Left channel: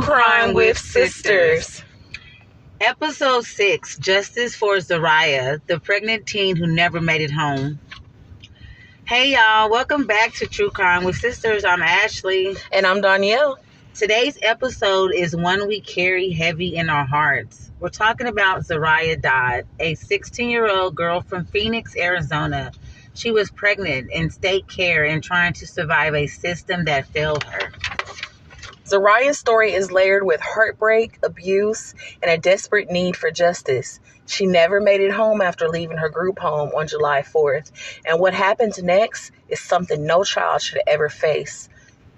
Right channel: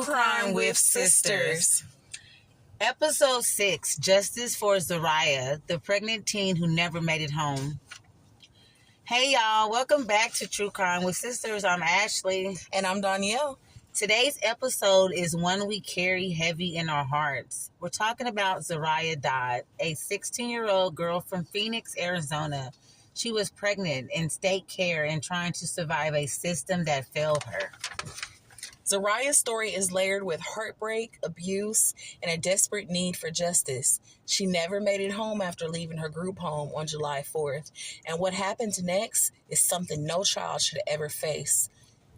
True Crime with Sisters. Episode 6, Justice for Zariah, the pregnant teen who never made it home. Hey y'all, welcome back to True Crime with Sisters. I'm Ashley. And I'm Danielle. Today's episode is one we carry heavy in our hearts. We're talking about Zariah Dodd, a 16-year-old girl from Phoenix, Arizona. She was pregnant in state care and trying to survive a system that failed her. Zariah's story is layered with heartbreak, abuse, and a desperate need for justice. She never made it home after leaving her group home on July 4th. And what happened next is something no child should ever face.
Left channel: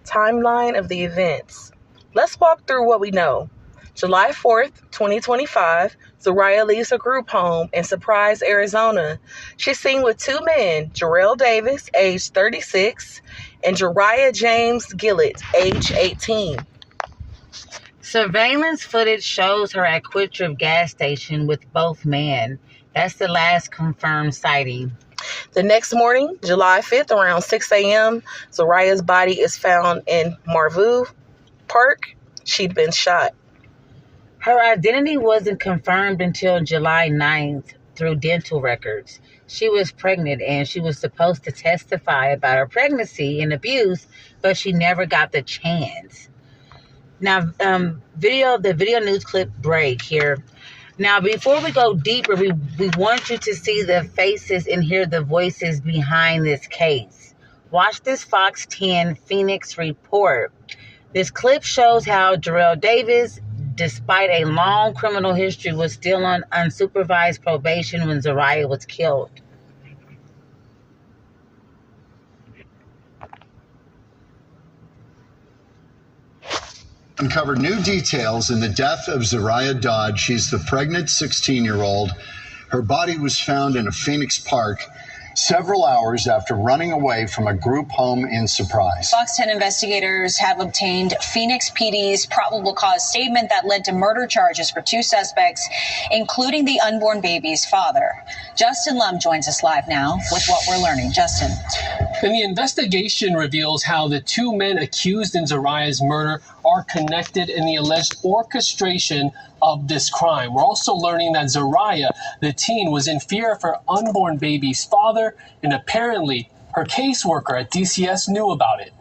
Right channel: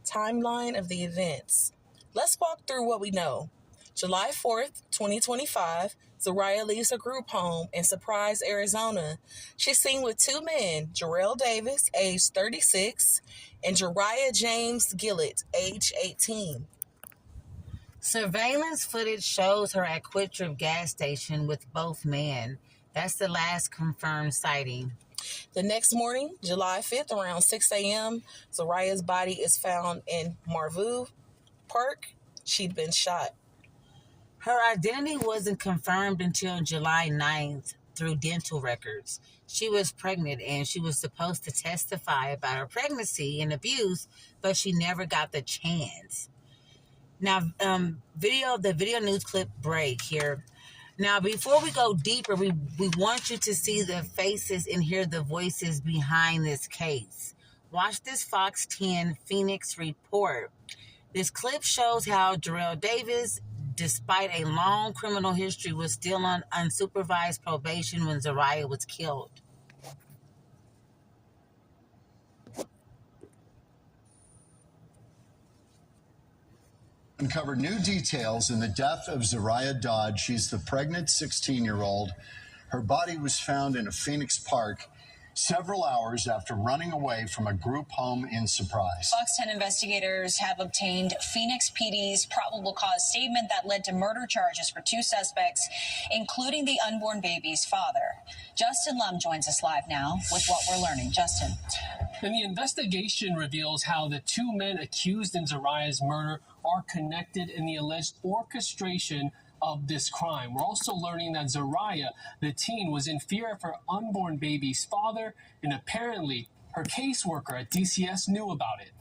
Timeline of the events. Let's walk through what we know. July 4th, 2025, Zariah leaves her group home in Surprise, Arizona. She's seen with two men, Jarrell Davis, age 36, and Jariah James Gillett, age 18. Surveillance footage shows her at Quick Trip gas station with both men. That's the last confirmed sighting. The next morning, July 5th, around 6 a.m., Zariah's body is found in Marvu Park. She'd been shot. Her identity wasn't confirmed until July 9th through dental records. She was pregnant and she was supposed to testify about her pregnancy and abuse, but she never got the chance. Now, the video news clip break here. Now, before we go deeper, we want you to see the faces and hear the voices behind this case. Watch this Fox 10 Phoenix report. This clip shows how Jarrell Davis, despite a long criminal history, was still on unsupervised probation when Zariah was killed. Uncovered new details in the death of Zariah Dodd. She's the pregnant 16-year-old. Her body was found in a Phoenix park several hours after running away from a group home in Surprise. Fox 10 investigators have obtained Phoenix PD's probable cause statement that led to murder charges for two suspects, including the unborn baby's father. Justin Lum joins us live now with what we're learning. Justin. And the investigation reveals how the two men accused in Zariah's murder are connected in the alleged orchestration of this crime. We're also learning that Zariah, the teen, was in fear of her unborn baby's father, and apparently her caseworker at DCS knew about it.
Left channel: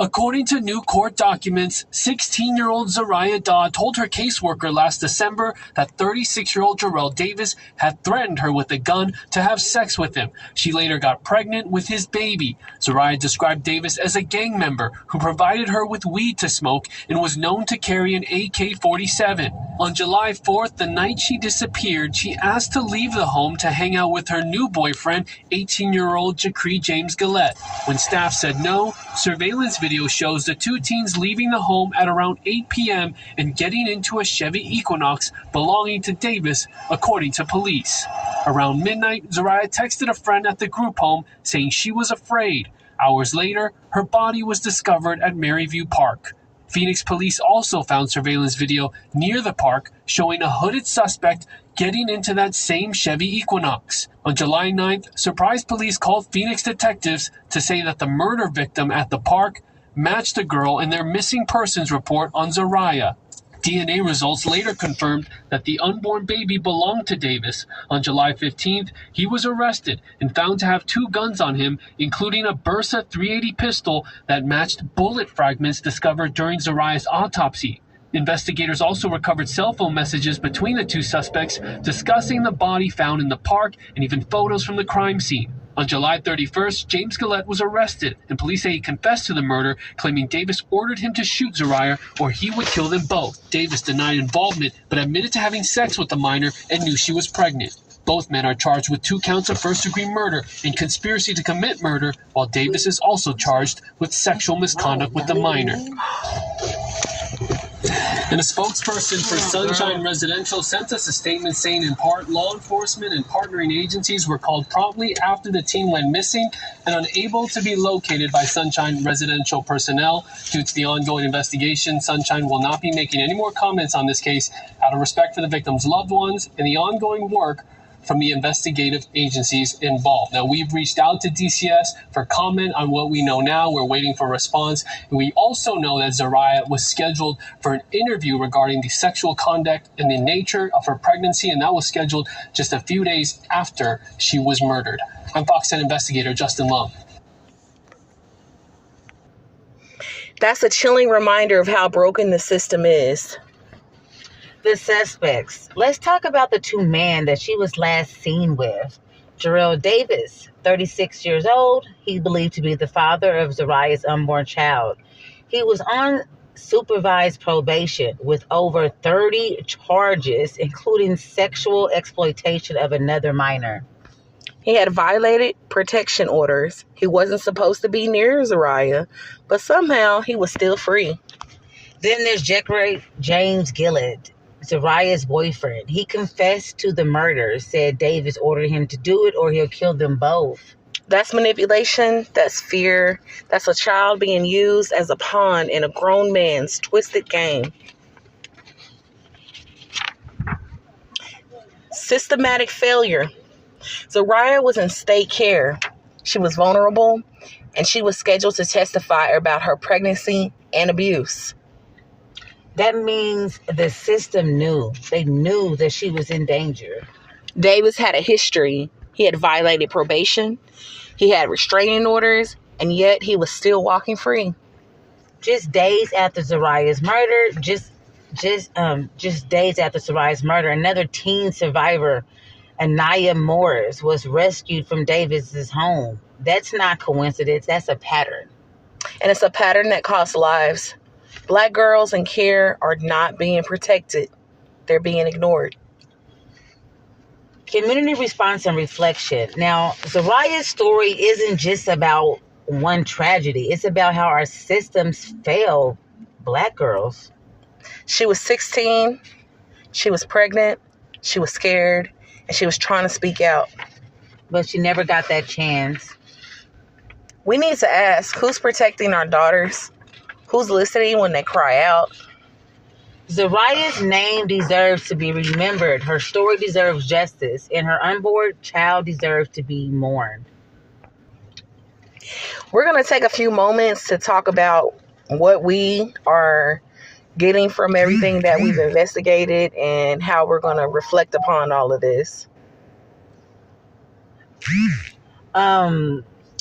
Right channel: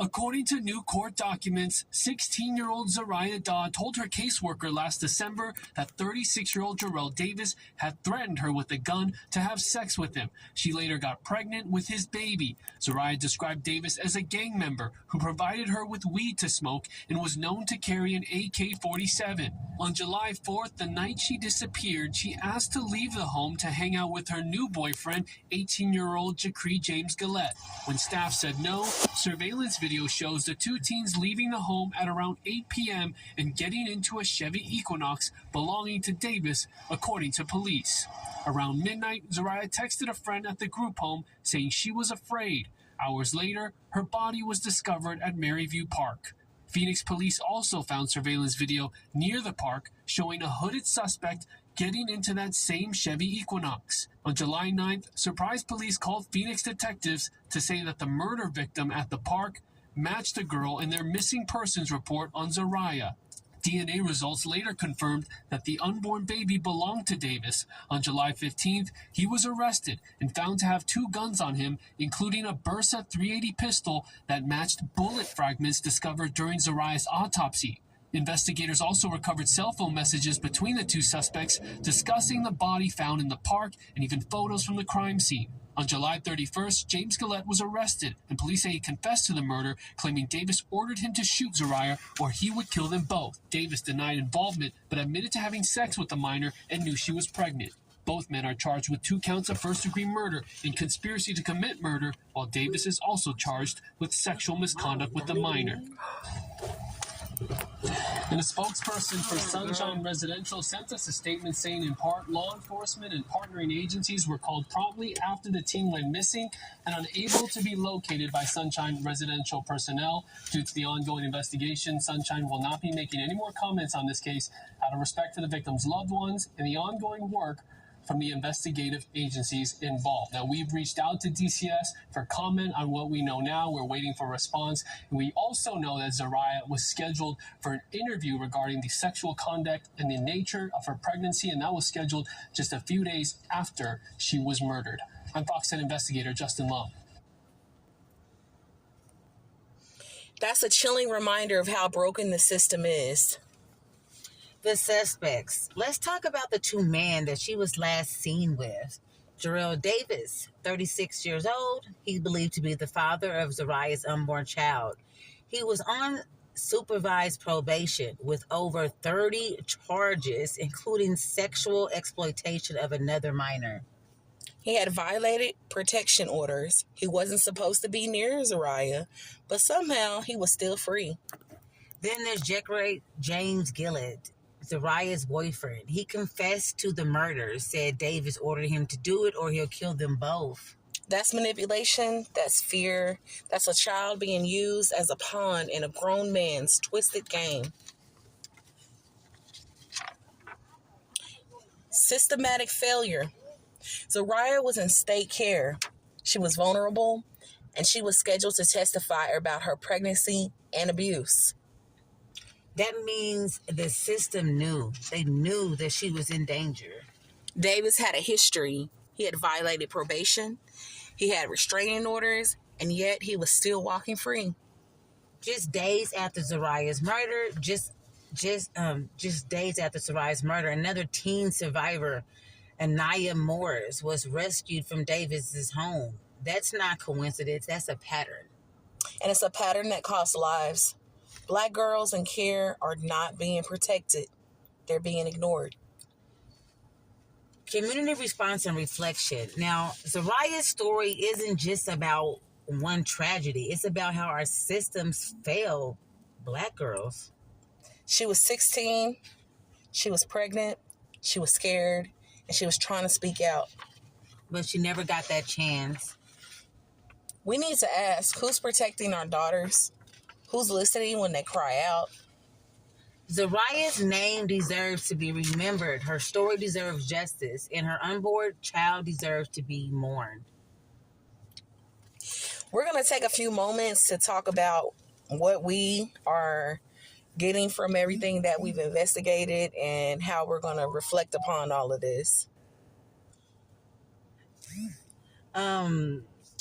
According to new court documents, 16-year-old Zariah Dodd told her caseworker last December that 36-year-old Jarrell Davis had threatened her with a gun to have sex with him. She later got pregnant with his baby. Zariah described Davis as a gang member who provided her with weed to smoke and was known to carry an AK-47. On July 4th, the night she disappeared, she asked to leave the home to hang out with her new boyfriend, 18-year-old Jariah James Gillett. When staff said no, surveillance video shows the two teens leaving the home at around 8 p.m. and getting into a Chevy Equinox belonging to Davis, according to police. Around midnight, Zariah texted a friend at the group home saying she was afraid. Hours later, her body was discovered at Maryview Park. Phoenix police also found surveillance video near the park showing a hooded suspect getting into that same Chevy Equinox. On July 9th, Surprise police called Phoenix detectives to say that the murder victim at the park matched the girl in their missing persons report on Zariah. DNA results later confirmed that the unborn baby belonged to Davis. On July 15th, he was arrested and found to have two guns on him, including a Bersa .380 pistol that matched bullet fragments discovered during Zariah's autopsy. Investigators also recovered cell phone messages between the two suspects discussing the body found in the park and even photos from the crime scene. On July 31st, James Gillett was arrested, and police say he confessed to the murder, claiming Davis ordered him to shoot Zariah or he would kill them both. Davis denied involvement, but admitted to having sex with the minor and knew she was pregnant. Both men are charged with 2 counts of first-degree murder and conspiracy to commit murder, while Davis is also charged with sexual misconduct with the minor. And a spokesperson for Sunshine Residential sent us a statement saying, in part, law enforcement and partnering agencies were called promptly after the teen went missing and unable to be located by Sunshine Residential personnel. Due to the ongoing investigation, Sunshine will not be making any more comments on this case out of respect for the victim's loved ones and the ongoing work from the investigative agencies involved. Now, we've reached out to DCS for comment on what we know now. We're waiting for a response. And we also know that Zariah was scheduled for an interview regarding the sexual conduct and the nature of her pregnancy, and that was scheduled just a few days after she was murdered. I'm Fox 10 investigator Justin Lum. That's a chilling reminder of how broken the system is. The suspects. Let's talk about the two men that she was last seen with. Jarrell Davis, 36 years old. He believed to be the father of Zariah's unborn child. He was on supervised probation with over 30 charges, including sexual exploitation of another minor. He had violated protection orders. He wasn't supposed to be near Zariah, but somehow he was still free. Then there's James Gillett, Zariah's boyfriend. He confessed to the murder, said Davis ordered him to do it or he'll kill them both. That's manipulation. That's fear. That's a child being used as a pawn in a grown man's twisted game. Systematic failure. Zariah was in state care. She was vulnerable, and she was scheduled to testify about her pregnancy and abuse. That means the system knew. They knew that she was in danger. Davis had a history. He had violated probation. He had restraining orders, and yet he was still walking free. Just days after Zariah's murder, just days after Zariah's murder, another teen survivor, Anaya Morris, was rescued from Davis's home. That's not coincidence. That's a pattern. And it's a pattern that costs lives. Black girls in care are not being protected. They're being ignored. Community response and reflection. Now, Zariah's story isn't just about one tragedy. It's about how our systems fail Black girls. She was 16. She was pregnant. She was scared. And she was trying to speak out. But she never got that chance. We need to ask, who's protecting our daughters? Who's listening when they cry out? Zariah's name deserves to be remembered. Her story deserves justice. And her unborn child deserves to be mourned. We're going to take a few moments to talk about what we are getting from everything that we've investigated and how we're going to reflect upon all of this.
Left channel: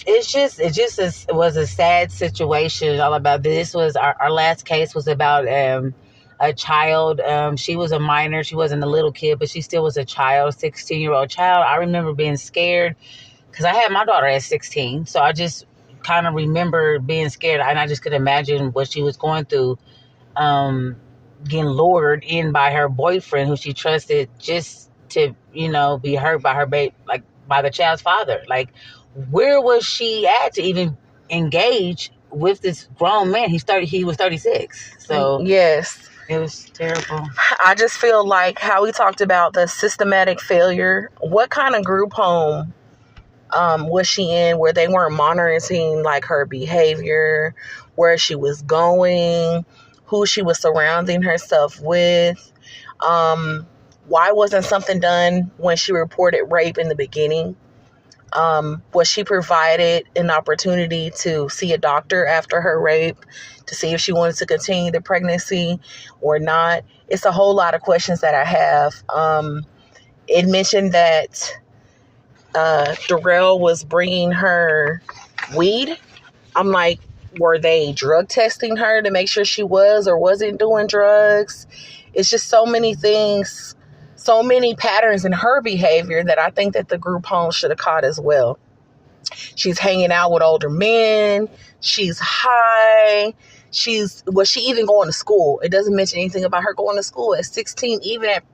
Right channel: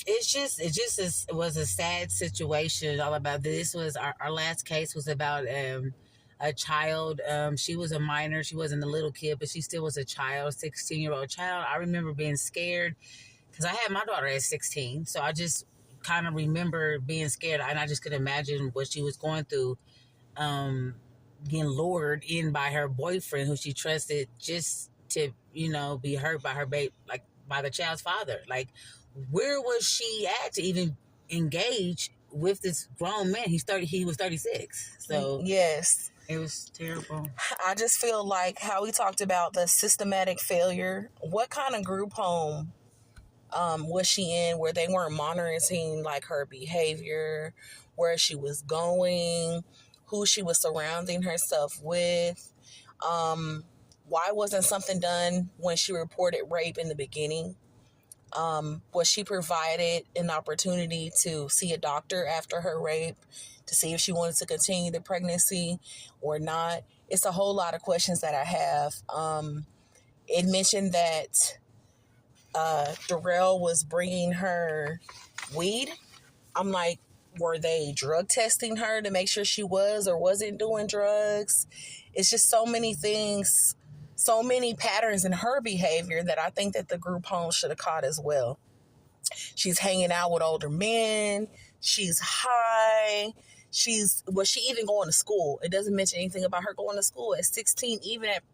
It was a sad situation. All about this was our last case was about a child. She was a minor. She wasn't a little kid, but she still was a child, 16-year-old child. I remember being scared because I had my daughter at 16. So I just kind of remember being scared, and I just could imagine what she was going through. Getting lured in by her boyfriend, who she trusted, just to, be hurt by her by the child's father. Like, where was she at to even engage with this grown man? He was 36. So yes, it was terrible. I just feel like how we talked about the systematic failure. What kind of group home was she in where they weren't monitoring like her behavior, where she was going, who she was surrounding herself with? Why wasn't something done when she reported rape in the beginning? Was she provided an opportunity to see a doctor after her rape to see if she wanted to continue the pregnancy or not? It's a whole lot of questions that I have. It mentioned that Darrell was bringing her weed. I'm like, were they drug testing her to make sure she was or wasn't doing drugs? It's just so many things, so many patterns in her behavior that I think that the group home should have caught as well. She's hanging out with older men. She's high. Was she even going to school? It doesn't mention anything about her going to school at 16,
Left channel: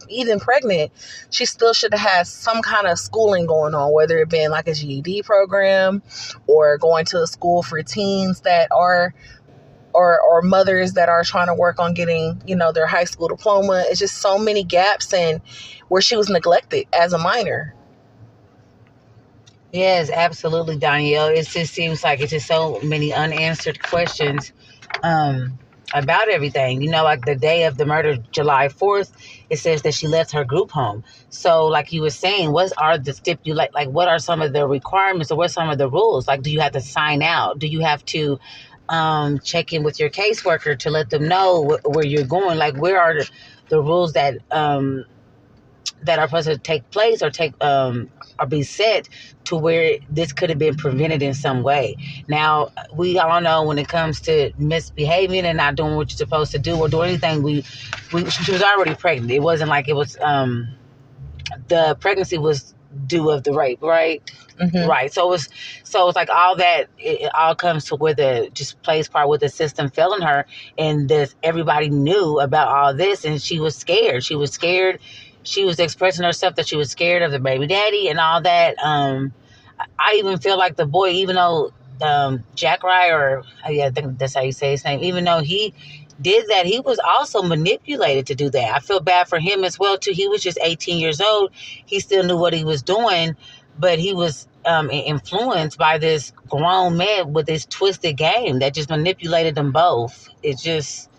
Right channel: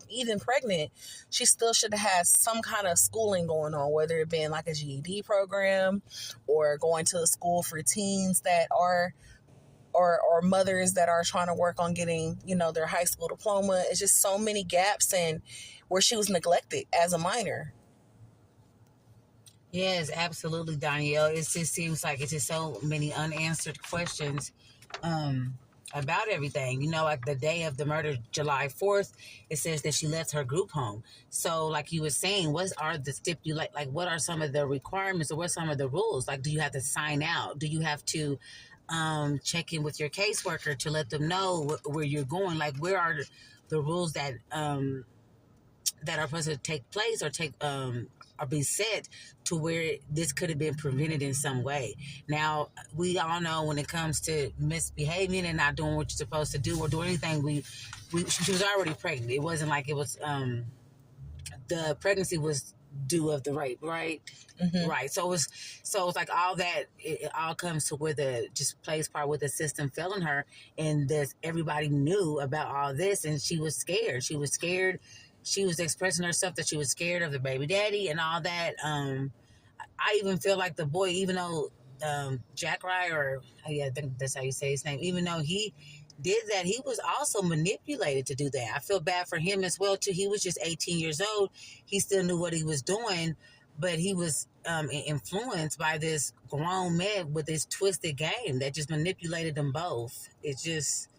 even pregnant. She still should have had some kind of schooling going on, whether it been like a GED program or going to a school for teens that are or mothers that are trying to work on getting, their high school diploma. It's just so many gaps in where she was neglected as a minor. Yes, absolutely, Danielle. It just seems like it's just so many unanswered questions. about everything. You know, like the day of the murder, July 4th, it says that she left her group home. So like you were saying, what are the like what are some of the requirements, or what are some of the rules? Like, do you have to sign out? Do you have to check in with your caseworker to let them know where you're going? Like, where are the rules that that are supposed to take place or or be set to where this could have been prevented in some way? Now, we all know when it comes to misbehaving and not doing what you're supposed to do or do anything, she was already pregnant. It wasn't like it was the pregnancy was due of the rape, right? Mm-hmm. Right. So it's like all that, it all comes to where the just plays part with the system failing her, and this everybody knew about all this, and she was scared. She was scared. She was expressing herself that she was scared of the baby daddy and all that. I even feel like the boy, even though Jack Rye, or yeah, I think that's how you say his name, even though he did that, he was also manipulated to do that. I feel bad for him as well too. He was just 18 years old. He still knew what he was doing, but he was influenced by this grown man with this twisted game that just manipulated them both. It just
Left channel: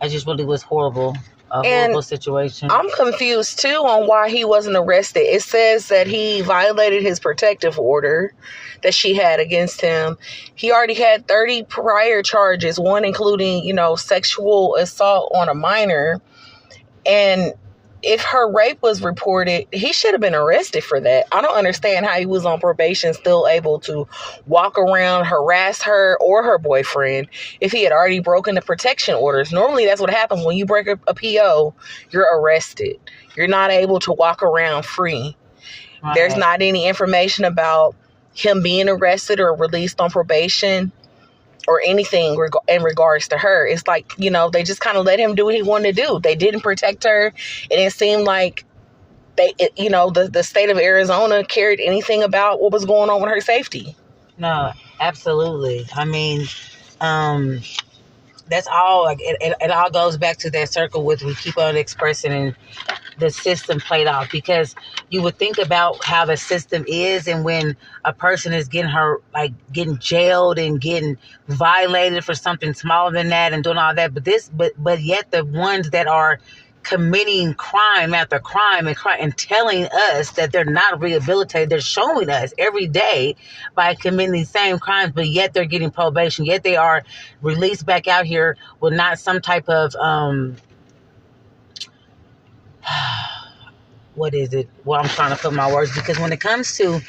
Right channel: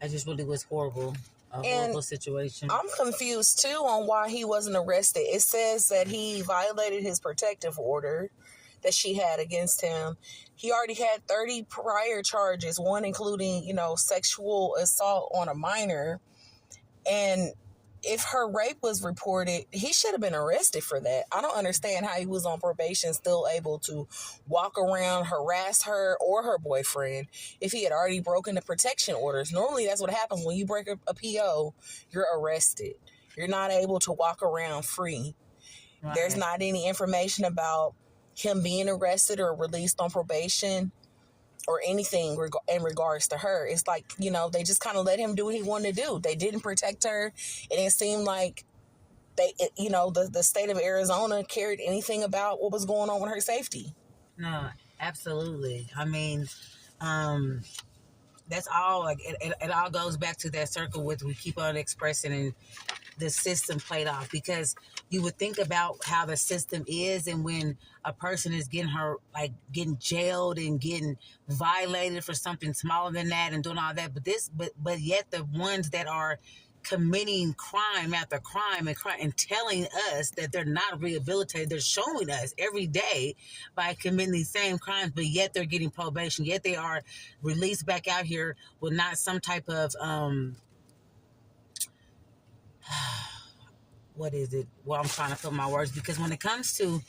really was horrible. A horrible situation. I'm confused too on why he wasn't arrested. It says that he violated his protective order that she had against him. He already had 30 prior charges, one including, sexual assault on a minor. And if her rape was reported, he should have been arrested for that. I don't understand how he was on probation still able to walk around, harass her or her boyfriend if he had already broken the protection orders. Normally, that's what happens when you break a PO, you're arrested. You're not able to walk around free. Right. There's not any information about him being arrested or released on probation or anything in regards to her. It's like, they just kind of let him do what he wanted to do. They didn't protect her. It didn't seem like the state of Arizona cared anything about what was going on with her safety. No, absolutely. I mean, that's all. Like it all goes back to that circle with we keep on expressing and the system played off, because you would think about how the system is, and when a person is getting jailed and getting violated for something smaller than that and doing all that, but yet the ones that are committing crime after crime and telling us that they're not rehabilitated, they're showing us every day by committing these same crimes, but yet they're getting probation, yet they are released back out here with not some type of what is it? Well, I'm trying to put my words, because when it comes to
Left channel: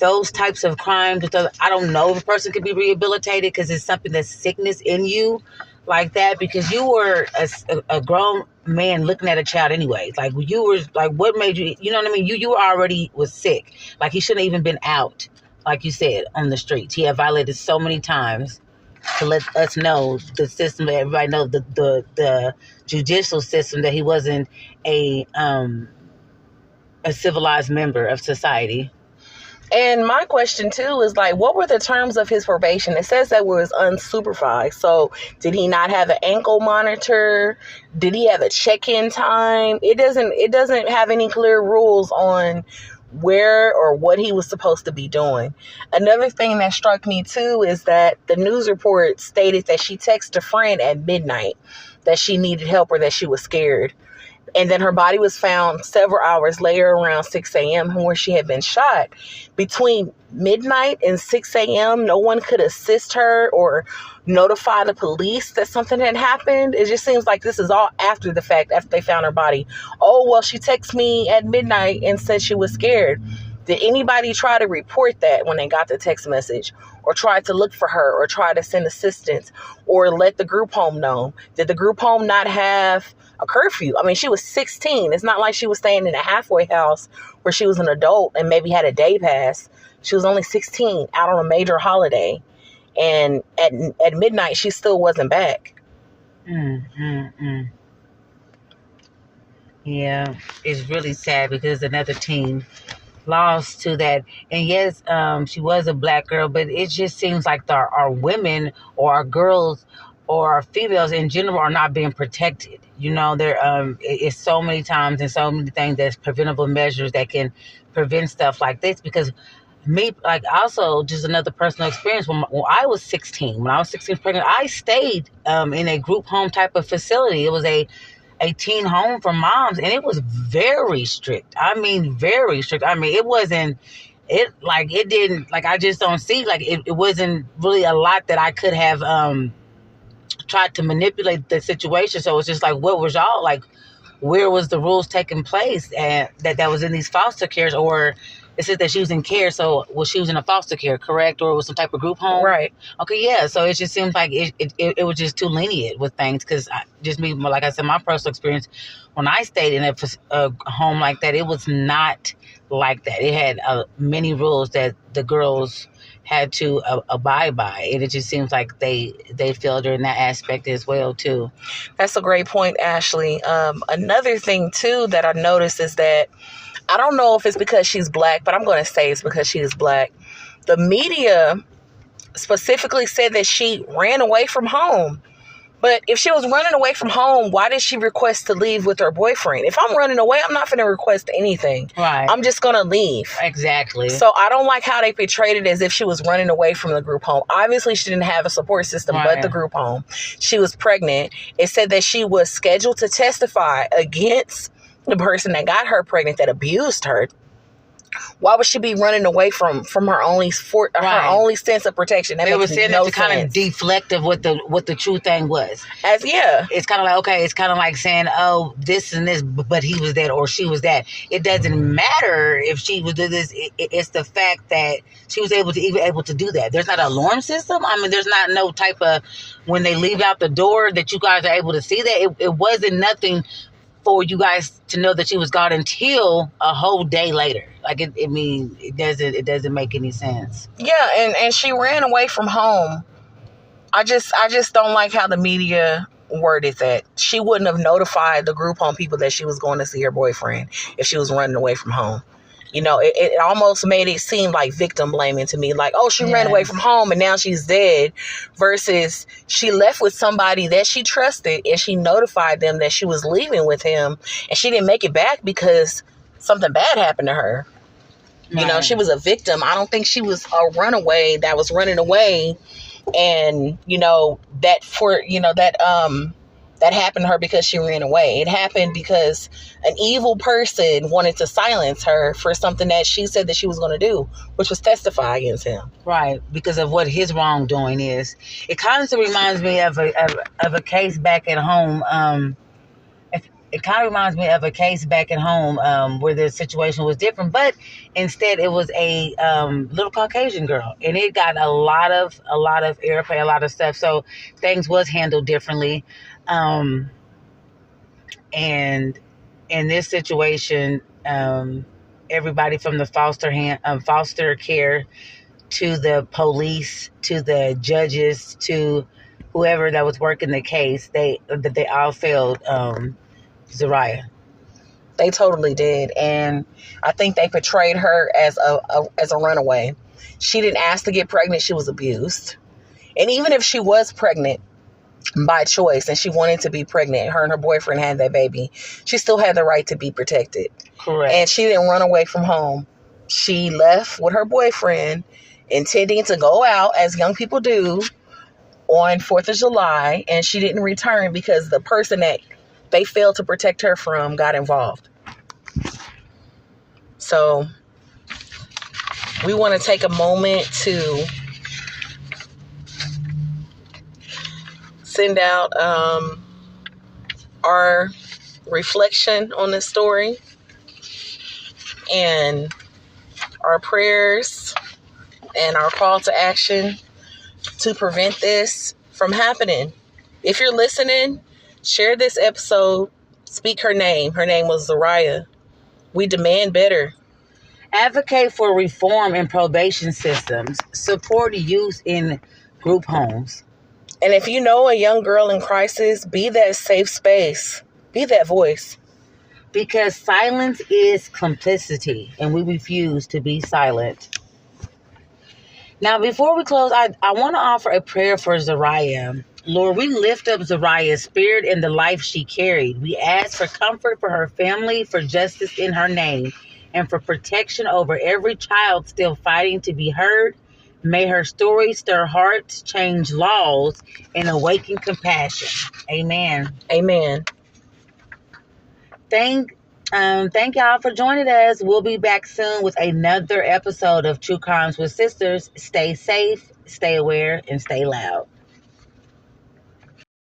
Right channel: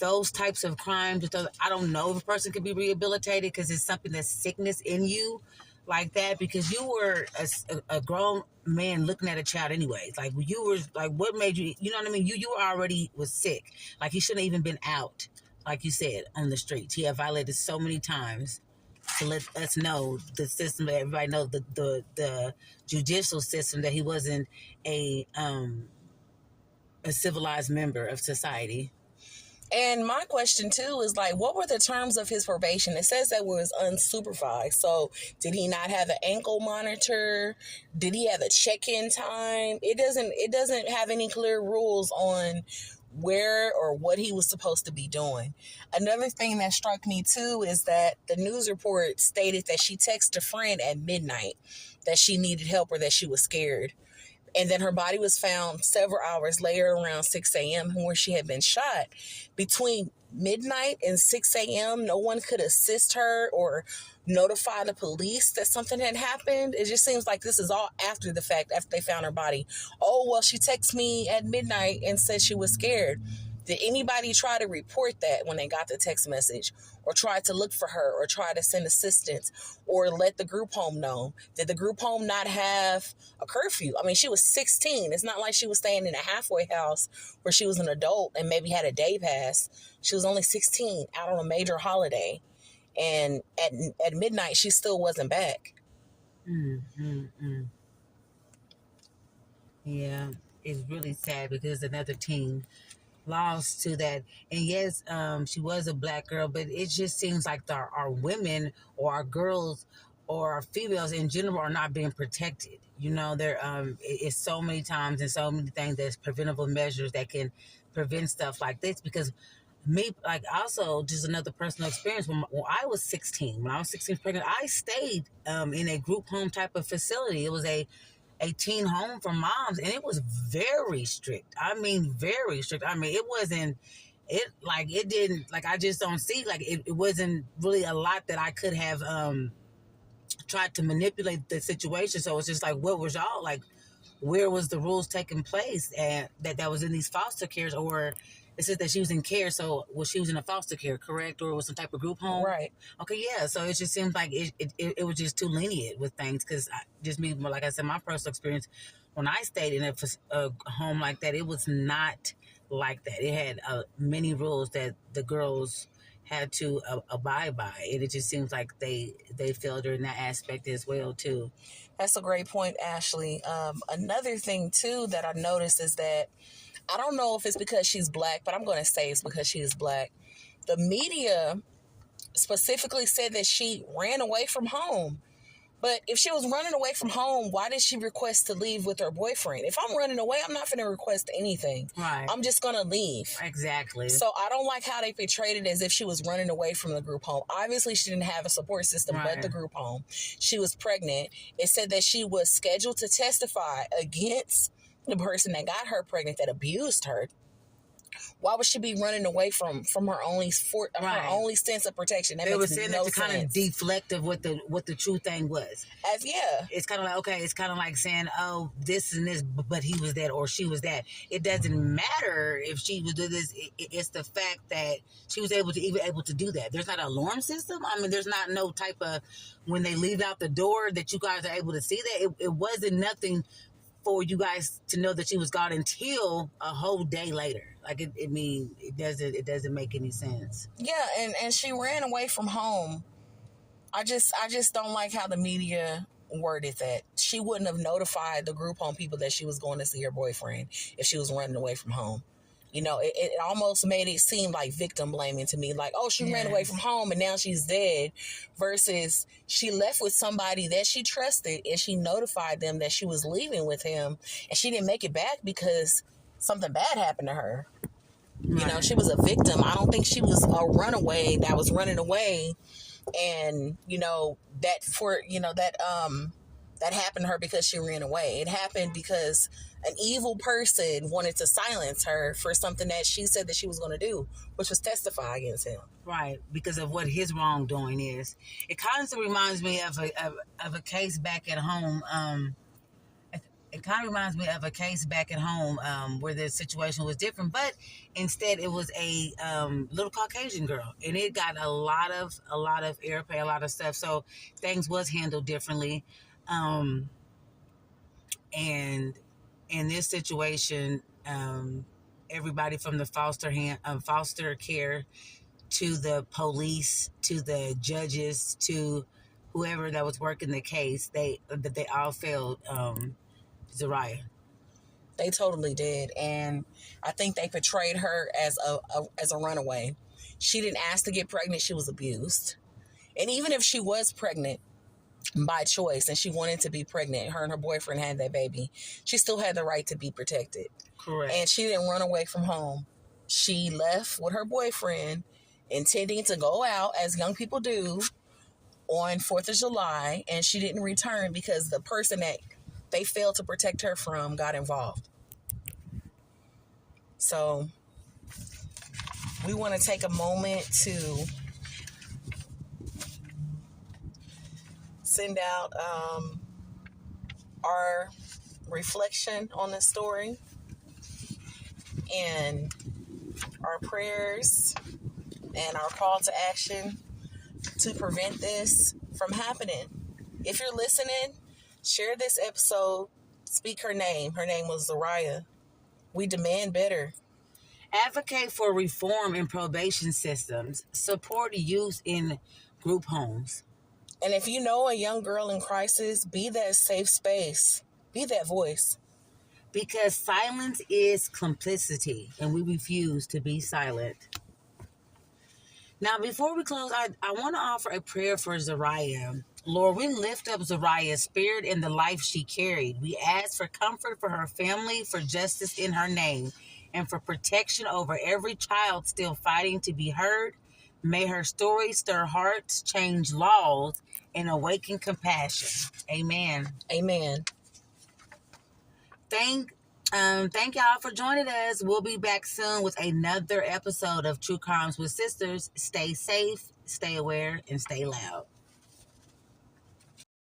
those types of crimes, I don't know if a person could be rehabilitated because it's something that's sickness in you like that, because you were a grown man looking at a child anyways. Like, you were like, what made you, you know what I mean? You already was sick. Like, he shouldn't have even been out, like you said, on the streets. He had violated so many times to let us know, the system, everybody know the judicial system, that he wasn't a civilized member of society. And my question too is like, what were the terms of his probation? It says that it was unsupervised. So did he not have an ankle monitor? Did he have a check-in time? It doesn't have any clear rules on where or what he was supposed to be doing. Another thing that struck me too is that the news report stated that she texted a friend at midnight that she needed help or that she was scared. And then her body was found several hours later around 6 a.m. where she had been shot. Between midnight and 6 a.m., no one could assist her or notify the police that something had happened. It just seems like this is all after the fact, after they found her body. Oh, well, she texted me at midnight and said she was scared. Did anybody try to report that when they got the text message, or try to look for her, or try to send assistance, or let the group home know? Did the group home not have a curfew? I mean, she was 16. It's not like she was staying in a halfway house where she was an adult and maybe had a day pass. She was only 16 out on a major holiday. And at midnight, she still wasn't back. Yeah, it's really sad because another teen lost to that. And yes, she was a black girl, but it just seems like our women or our girls or our females in general are not being protected. There it's so many times and so many things that's preventable measures that can prevent stuff like this, because me, like, also just another personal experience. When I was 16, when I was 16 pregnant, I stayed in a group home type of facility. It was a teen home for moms, and it was very strict. I mean, very strict. I mean, it wasn't, it didn't, like, I just don't see, like, it wasn't really a lot that I could have tried to manipulate the situation. So it's just like, what was y'all, like, where was the rules taking place, and that was in these foster cares? Or it says that she was in care, so was she was in a foster care, correct? Or it was some type of group home? Right. Okay, yeah. So it just seems like it was just too lenient with things, because just me, like I said, my personal experience, when I stayed in a home like that, it was not like that. It had many rules that the girls had to abide by, and it just seems like they failed her in that aspect as well too. That's a great point, Ashley. Another thing too that I noticed is that, I don't know if it's because she's black, but I'm going to say it's because she is black. The media specifically said that she ran away from home. But if she was running away from home, why did she request to leave with her boyfriend? If I'm running away, I'm not going to request anything. Right. I'm just going to leave. Exactly. So I don't like how they portrayed it as if she was running away from the group home. Obviously, she didn't have a support system but the group home. She was pregnant. It said that she was scheduled to testify against the person that got her pregnant, that abused her. Why would she be running away from her only sense of protection? That they were saying no that to kind of deflect of what the true thing was. It's kind of like, okay, it's kind of like saying, oh, this and this, but he was that or she was that. It doesn't matter if she was do this. It's the fact that she was able to do that. There's not an alarm system. I mean, there's not no type of, when they leave out the door, that you guys are able to see that. It wasn't nothing for you guys to know that she was gone until a whole day later. Like, it doesn't make any sense. Yeah, and she ran away from home. I just don't like how the media worded that. She wouldn't have notified the group home people that she was going to see her boyfriend if she was running away from home. You know, it almost made it seem like victim blaming to me. Like, oh, she ran away from home and now she's dead. Versus she left with somebody that she trusted and she notified them that she was leaving with him. And she didn't make it back because something bad happened to her. Right. You know, she was a victim. I don't think she was a runaway that was running away. And, you know, that happened to her because she ran away. It happened because an evil person wanted to silence her for something that she said that she was going to do, which was testify against him. Right, because of what his wrongdoing is. It kind of reminds me of a case back at home. It kind of reminds me of a case back at home where the situation was different, but instead it was a little Caucasian girl, and it got a lot of airplay, a lot of stuff. So things was handled differently. And in this situation, everybody from the foster care to the police to the judges to whoever that was working the case, they all failed Zariah. They totally did, and I think they portrayed her as a runaway. She didn't ask to get pregnant; she was abused, and even if she was pregnant by choice and she wanted to be pregnant, her and her boyfriend had that baby, she still had the right to be protected. Correct. And she didn't run away from home. She left with her boyfriend, intending to go out, as young people do, on 4th of July, and she didn't return because the person that they failed to protect her from got involved. So we want to take a moment to send out our reflection on this story and our prayers and our call to action to prevent this from happening. If you're listening, share this episode. Speak her name. Her name was Zariah. We demand better. Advocate for reform in probation systems. Support youth in group homes. And if you know a young girl in crisis, be that safe space. Be that voice. Because silence is complicity, and we refuse to be silent. Now, before we close, I want to offer a prayer for Zariah. Lord, we lift up Zariah's spirit and the life she carried. We ask for comfort for her family, for justice in her name, and for protection over every child still fighting to be heard. May her story stir hearts, change laws, and awaken compassion. Amen. Amen. Thank y'all for joining us. We'll be back soon with another episode of True Crimes with Sisters. Stay safe, stay aware, and stay loud.